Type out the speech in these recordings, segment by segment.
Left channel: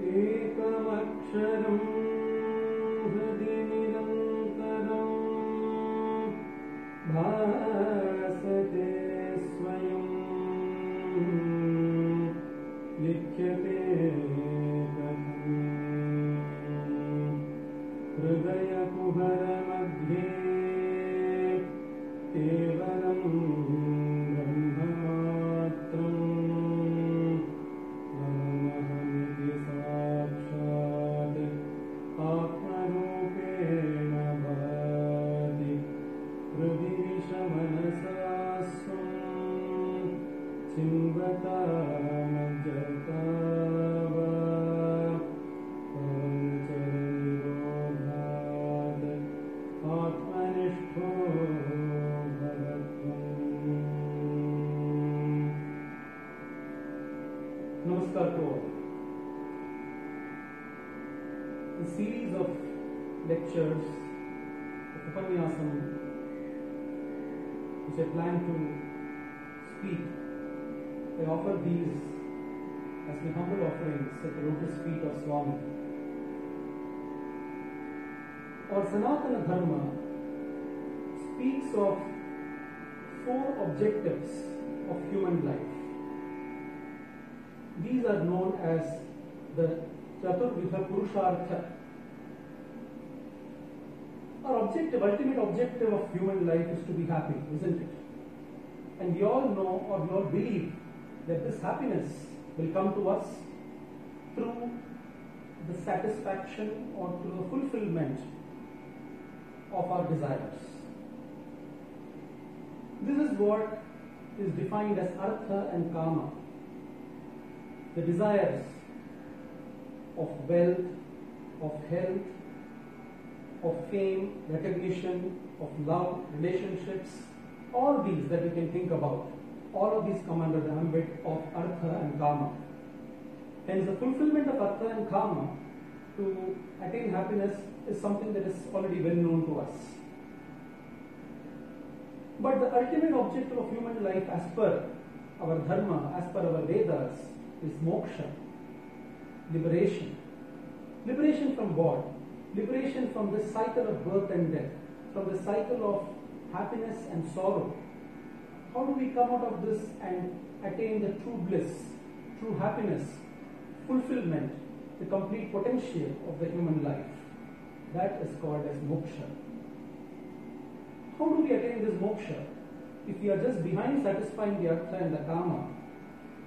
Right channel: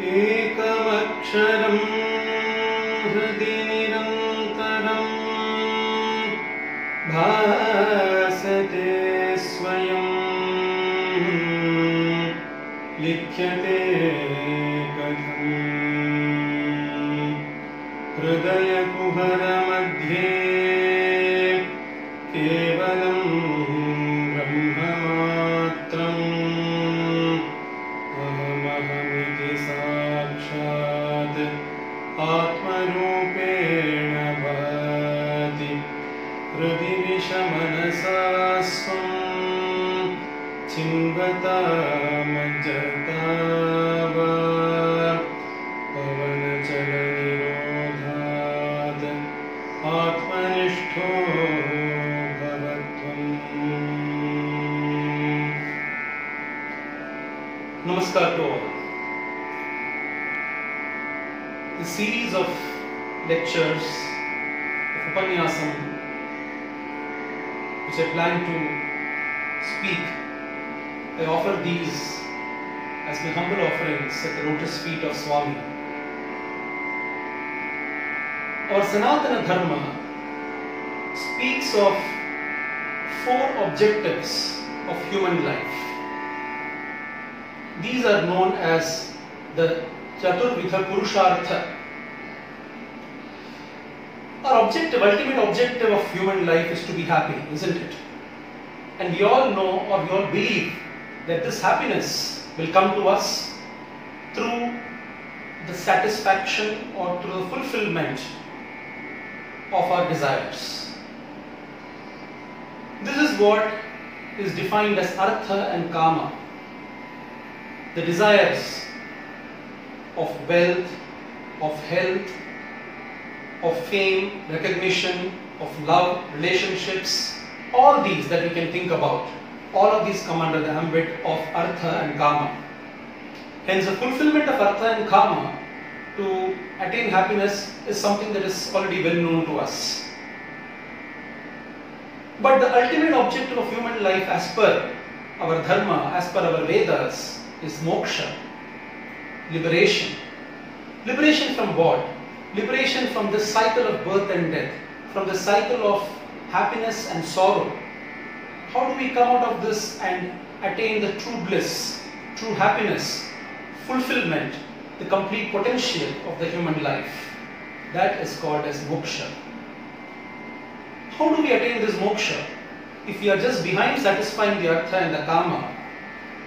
एकमक्षरं हृदि निरन्तरं भासते स्वयं लिख्यते कथम् हृदयकुहरमध्ये केवलं ब्रह्ममात्रम् अहमहमिति साक्षात् आत्मरूपेण भाति हृदि विषमनसा स्वं चिन्वतामज्जता वा पवनचलनिरोधात् आत्मनिष्ठो भवत्वम्। Namaskar to all. The series of lectures of Upanyasam which I plan to speak, I offer these as my humble offerings at the lotus feet of Swami. Our Sanatana Dharma speaks of 4 objectives of human life. These are known as the Chaturvidha Purushartha. Our ultimate objective of human life is to be happy, isn't it? And we all know, or we all believe, that this happiness will come to us through the satisfaction or through the fulfillment of our desires. This is what is defined as Artha and Kama. The desires of wealth, of health, of fame, recognition, of love, relationships, all these that we can think about, all of these come under the ambit of Artha and Kama. Hence, the fulfillment of Artha and Kama to attain happiness is something that is already well known to us. But the ultimate objective of human life as per our Dharma, as per our Vedas, is moksha, liberation. Liberation from what? Liberation from the cycle of birth and death, from the cycle of happiness and sorrow. How do we come out of this and attain the true bliss, true happiness, fulfillment, the complete potential of the human life? That is called as moksha. How do we attain this moksha? If we are just behind satisfying the Artha and the Kama,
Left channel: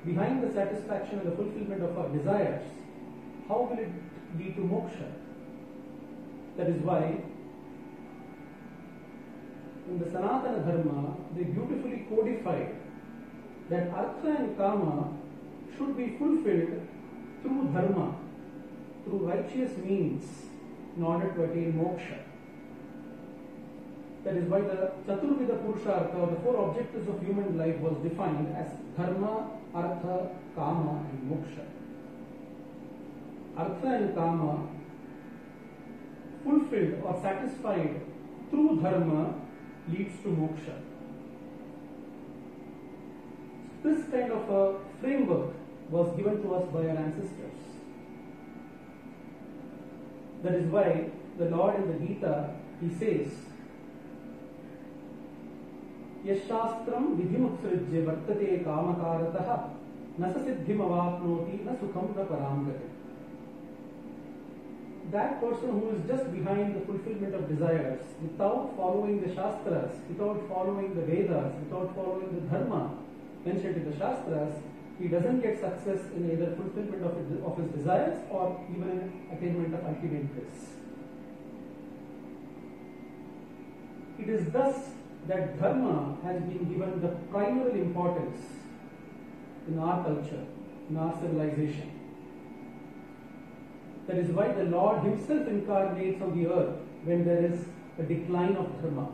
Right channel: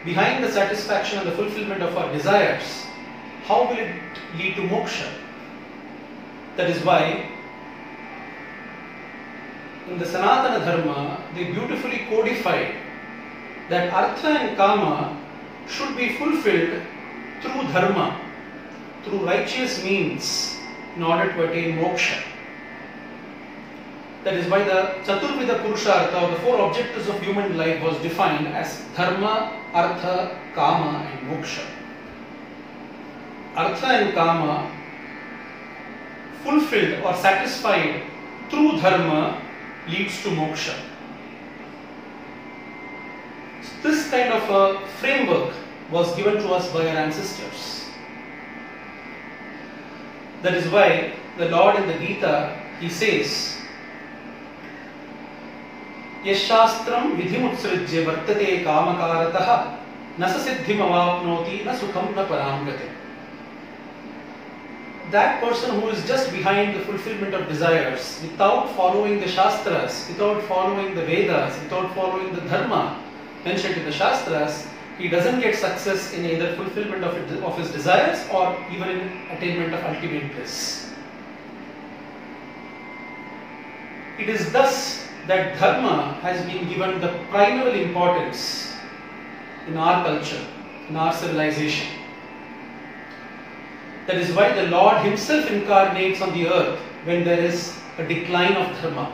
behind the satisfaction and the fulfillment of our desires, how will it lead to moksha? That is why in the Sanatana Dharma, they beautifully codified that Artha and Kama should be fulfilled through Dharma, through righteous means, in order to attain moksha. That is why the Chaturvidha Purushartha, or the 4 objectives of human life, was defined as Dharma, Artha, Kama and moksha. Artha and Kama fulfilled or satisfied through Dharma leads to moksha. This kind of a framework was given to us by our ancestors. That is why the Lord in the Gita, he says, Yashastram vidhimutsrijya vartate kamakarataha nasa siddhim avapnoti na sukham na paramgati. That person who is just behind the fulfillment of desires, without following the Shastras, without following the Vedas, without following the Dharma mentioned in the Shastras, he doesn't get success in either fulfillment of his desires or even in attainment of ultimate bliss. It is thus that Dharma has been given the primary importance in our culture, in our civilization. That is why the Lord himself incarnates on the earth when there is a decline of Dharma.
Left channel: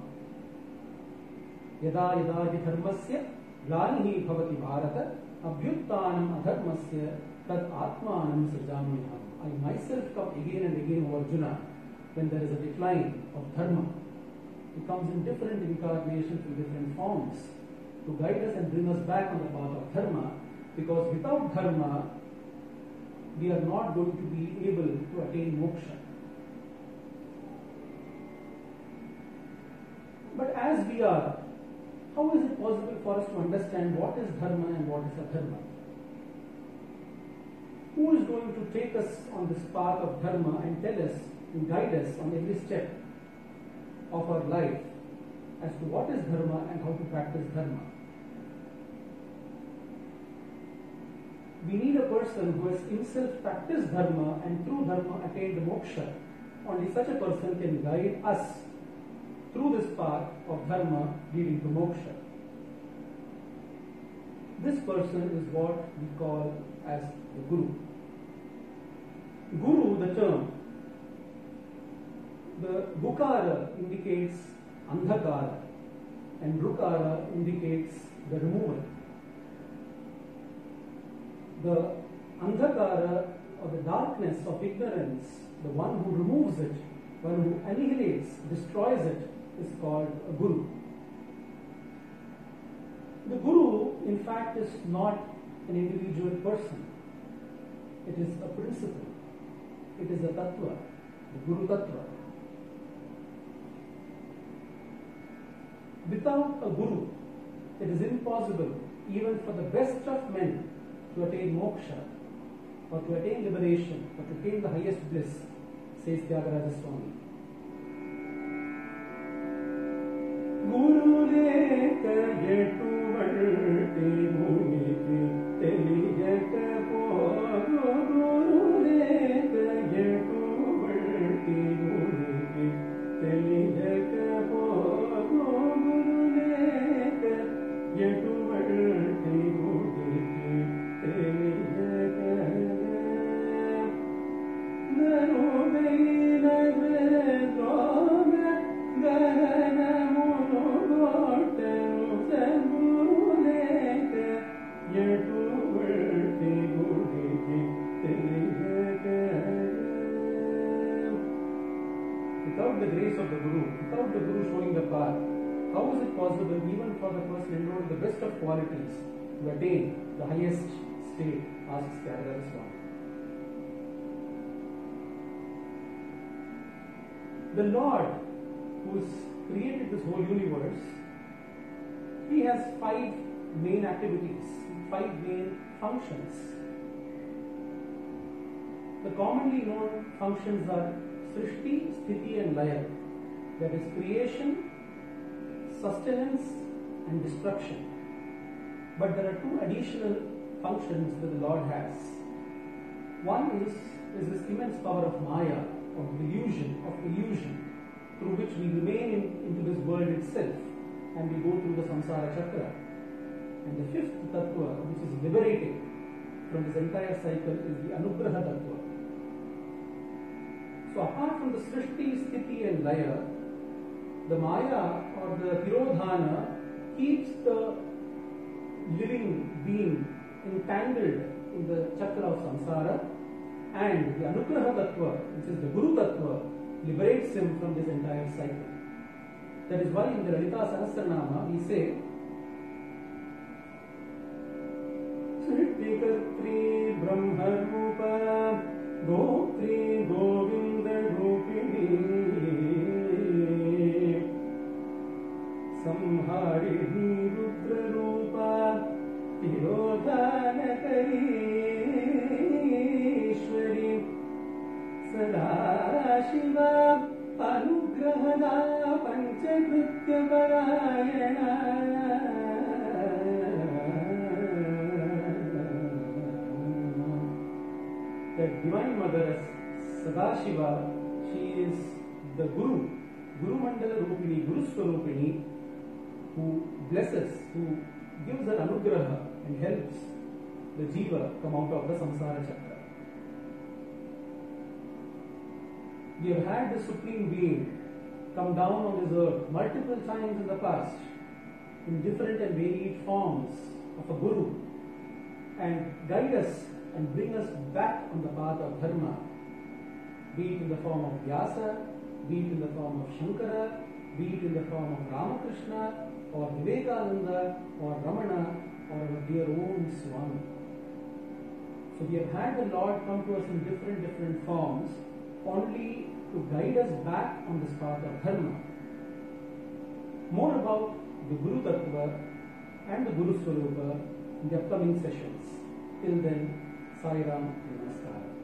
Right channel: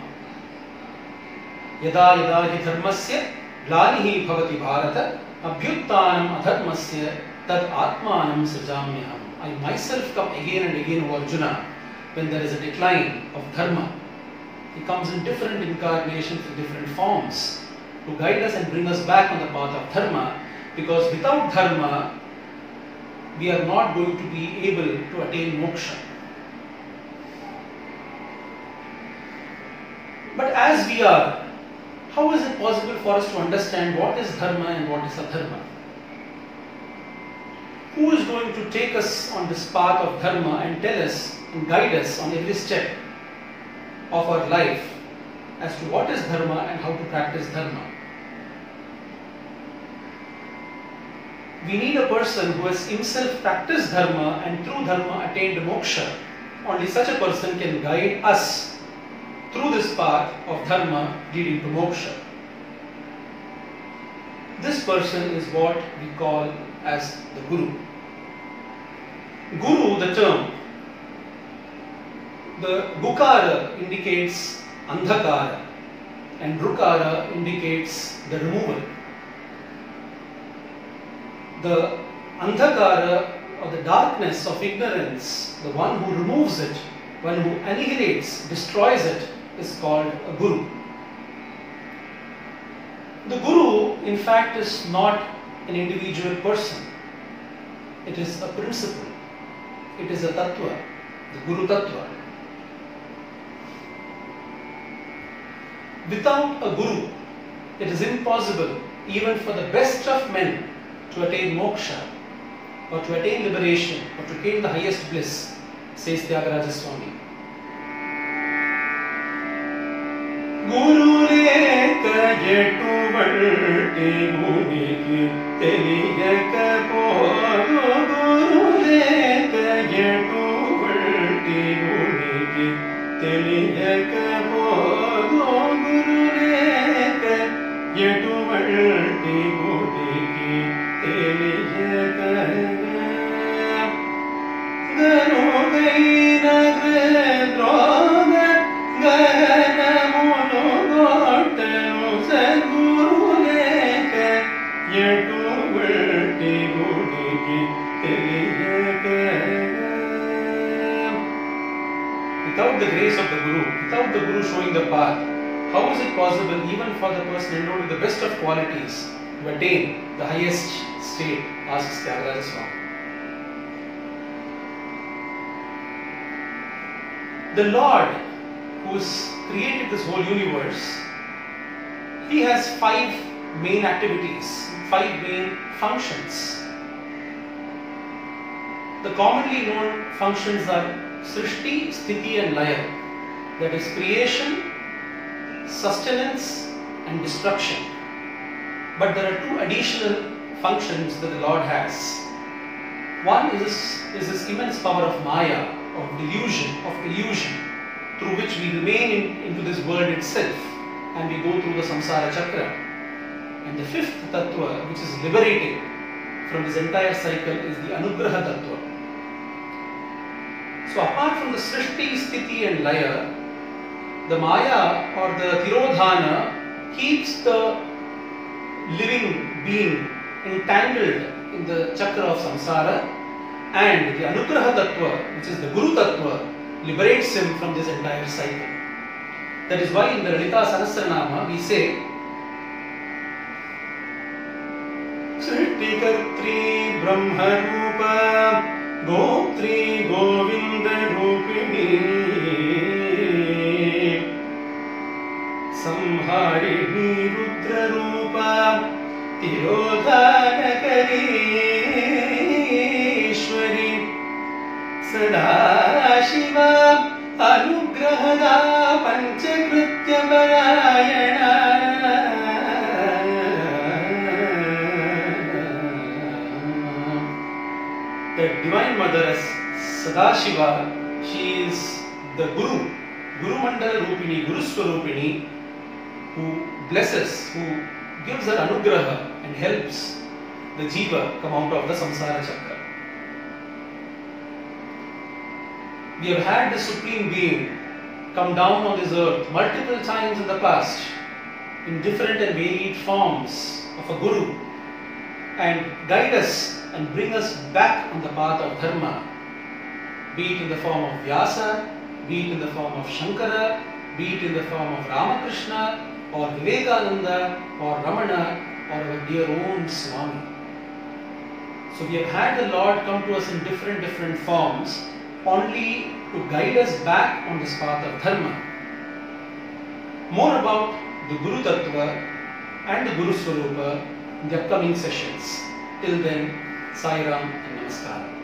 Yada yada hi dharmasya glanihi bhavati bharata abhyuttanam adharmasya tad atmanam srijamyaham. I myself come again and again, O Arjuna, when there is a decline of Dharma. He comes in different incarnations, in different forms, to guide us and bring us back on the path of Dharma, because without Dharma, we are not going to be able to attain moksha. But as we are, how is it possible for us to understand what is dharma and what is adharma? Who is going to take us on this path of dharma and tell us and guide us on every step of our life as to what is dharma and how to practice dharma? We need a person who has himself practiced dharma and through dharma attained moksha. Only such a person can guide us through this path of dharma leading to moksha. This person is what we call as the Guru. Guru, the term, the Gukara indicates Andhakara and Drukara indicates the removal. The Andhakara or the darkness of ignorance, the one who removes it, one who annihilates, destroys it, is called a Guru. The Guru, in fact, is not an individual person. It is a principle. It is a Tattva, the Guru Tattva. Without a Guru, it is impossible even for the best of men to attain moksha or to attain liberation or to attain the highest bliss, says Tyagaraja Swami. Guru leka yetu valti muniki teliyaka podu. Guru leka yetu valti muniki teliyaka podu. Guru leka yetu valti muniki teliyaka. Ganu gaina gredroga gana. Without the grace of the Guru, without the Guru showing the path, how is it possible even for the person endowed with the best of qualities to attain the highest state, asks Tyagaraja Swami. The Lord who has created this whole universe, He has 5 main activities, 5 main functions. The commonly known functions are Srishti, Sthiti and Laya, that is creation, sustenance and destruction. But there are 2 additional functions that the Lord has. One is this immense power of Maya, of delusion, of illusion, through which we remain into this world itself and we go through the samsara chakra. And the 5th tattva, which is liberating from this entire cycle, is the anugraha tattva. So apart from the Srishti, Sthiti and Laya, the Maya or the Tirodhana keeps the living being entangled in the chakra of samsara, and the Anugraha Tattva, which is the Guru Tattva, liberates him from this entire cycle. That is why in the Lalita Sahasranama we say Srishti Kartri Brahma Rupa Goptri Govinda Rupini Samharini Rudra Rupa Tirodhana Karishwari Sada Shiva Anugrahada Panchakritya Parayana. The Divine Mother as Sadashiva, she is the Guru, Guru Mandala Rupini, Guru Swarupini, who blesses, who gives her anugraha and helps the jiva come out of the samsara chakra. We have had the Supreme Being come down on this earth multiple times in the past in different and varied forms of a Guru and guide us and bring us back on the path of dharma, be it in the form of Vyasa, be it in the form of Shankara, be it in the form of Ramakrishna or Vivekananda or Ramana or our dear own Swami. So we have had the Lord come to us in different forms only to guide us back on this path of Dharma. More about the Guru Tattva and the Guru Swarupa in the upcoming sessions. Till then, Sai Ram and Namaskar.